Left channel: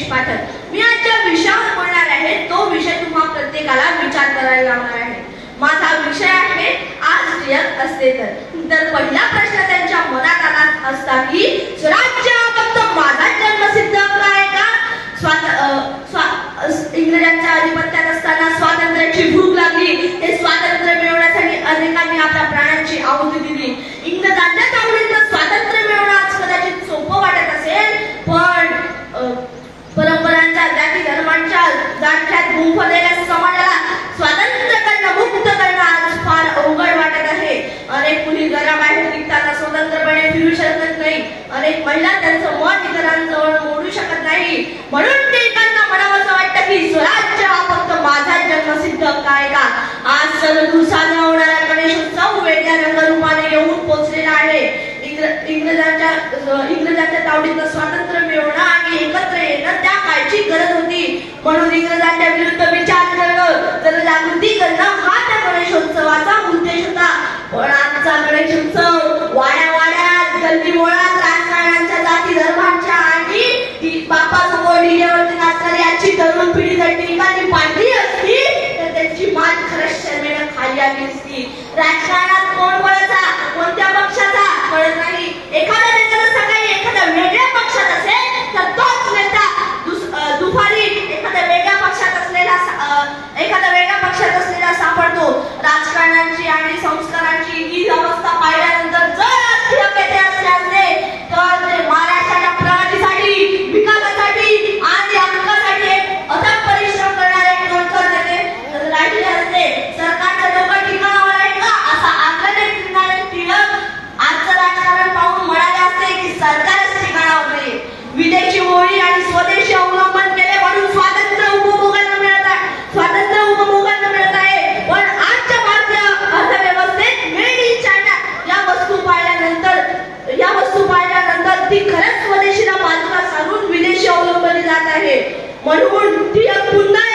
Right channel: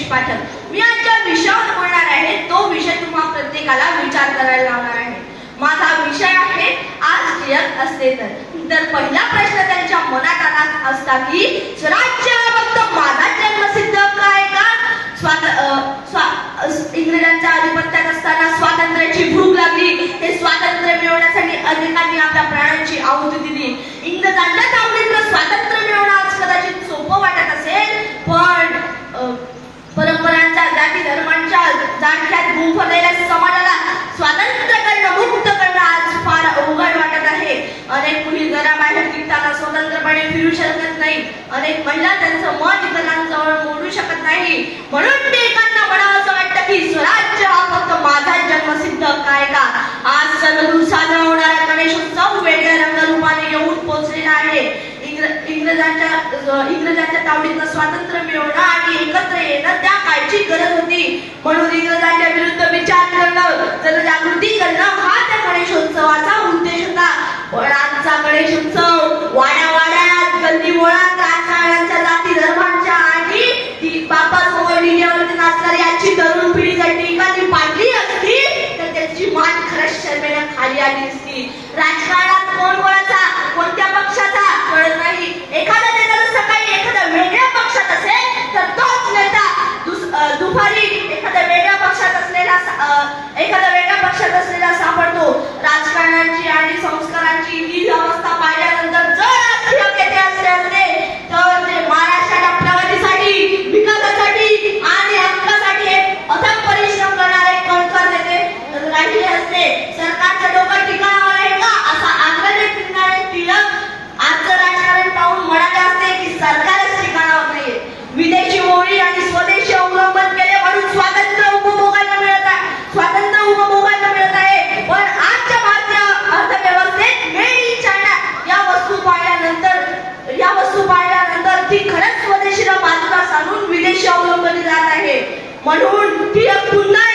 जगदीश पाठक। मी आज ज्या विषयावर बोलणार आहे तो विषय तुम्हा प्रत्येकाला विचार करायला लावणार आहे। माझा विषय आहे आज जग असते तर पहिला प्रश्न त्यांच्या मनात आला असता की स्वराज्य फक्त माझा जन्मसिद्ध काय का? इंग्रजांच्या अधिपत्यात असताना स्वातंत्र्याची भूक लागली। हे स्वातंत्र्य मिळवण्यासाठी अनेकांनी आपल्या प्राणांची आहुती दिली। इंग्रजांच्या तावडीतून स्वातंत्र्य मिळवणं आज कदाचित सोपं वाटत असेल, पण परंपरांच्या जाती धर्मांच्या जाळ्यात गुंफलेल्या समाजाला स्वातंत्र्य करणं, मुक्त करणं आज फार अवघड वाटत आहे। अनेक मुली घराबाहेर निघताना स्वतंत्रपणे फिरू शकत नाही। अनेक महिला त्यांचं मन इतरांजवळ मोडू शकत नाही। म्हणून एकांना म्हणावंसं वाटतं की स्वराज्य हा फक्त माझा जन्मसिद्ध काय का? आज सर्वदूर साजरा होणारा गणेशोत्सव वेगळ्या रंगरूपाने येऊन पोचलेला आहे। इंग्रजांच्या तावडीतून स्वातंत्र्य मिळवणं आणि एकत्र येणं त्या काळची गरज होती। म्हणून इंग्रजांच्या विरुद्ध विचार करणं, जनजागृती करणं हा त्या गणेशोत्सवाचा उद्देश होता। पण आजचा गणेशोत्सव वाड्यावाड्यात, गल्लीबोळात राजकारण्यांच्या, जाती धर्मांच्या आणि बापासमोर डीजेवरती नाचणारी आजची तरुण पिढी जर टिकाणी पाडली असती तर त्याची मान खरंच शर्मेनं खाली आली असती। राजकारणात कोण कोणाचा, कोणत्या पक्षाचा कळत नाही। एखादा नेता जर सकाळी एखाद्या वेगळ्या पक्षात असेल तर तोच नेता दुपारी एखाद्या वेगळ्या पक्षात असलेला सापडतो। राजकारणाची आणि संस्कारांची ही अवस्था पाहिल्यानंतर जर राजकीय असले तर ते महाराष्ट्राच्या प्रगतीसाठी, विकासासाठी आणि हक्कासाठी अथक परिश्रम करणारे कणखर नेते राहिले असते। सरकारचं डोकं टिकवणार आहे का असा आग्रह फिरणारे टिळक आजचं राजकारण पाहून म्हणाले असते की सरकारच ठिकाणावर नाहीये। विदेशी मोडी आणि स्वदेशी अवलंबन केले म्हणून स्वातंत्र्य उपभोगायला मिळत आहे। पण आजच्या भारतीय अर्थव्यवस्थेत मेड इन चायना या वस्तू पाहिल्यानंतर ती खरंच स्वदेशीला बाजूला सारून विदेशी अवलंबली जात आहे। म्हणून ती पुन्हा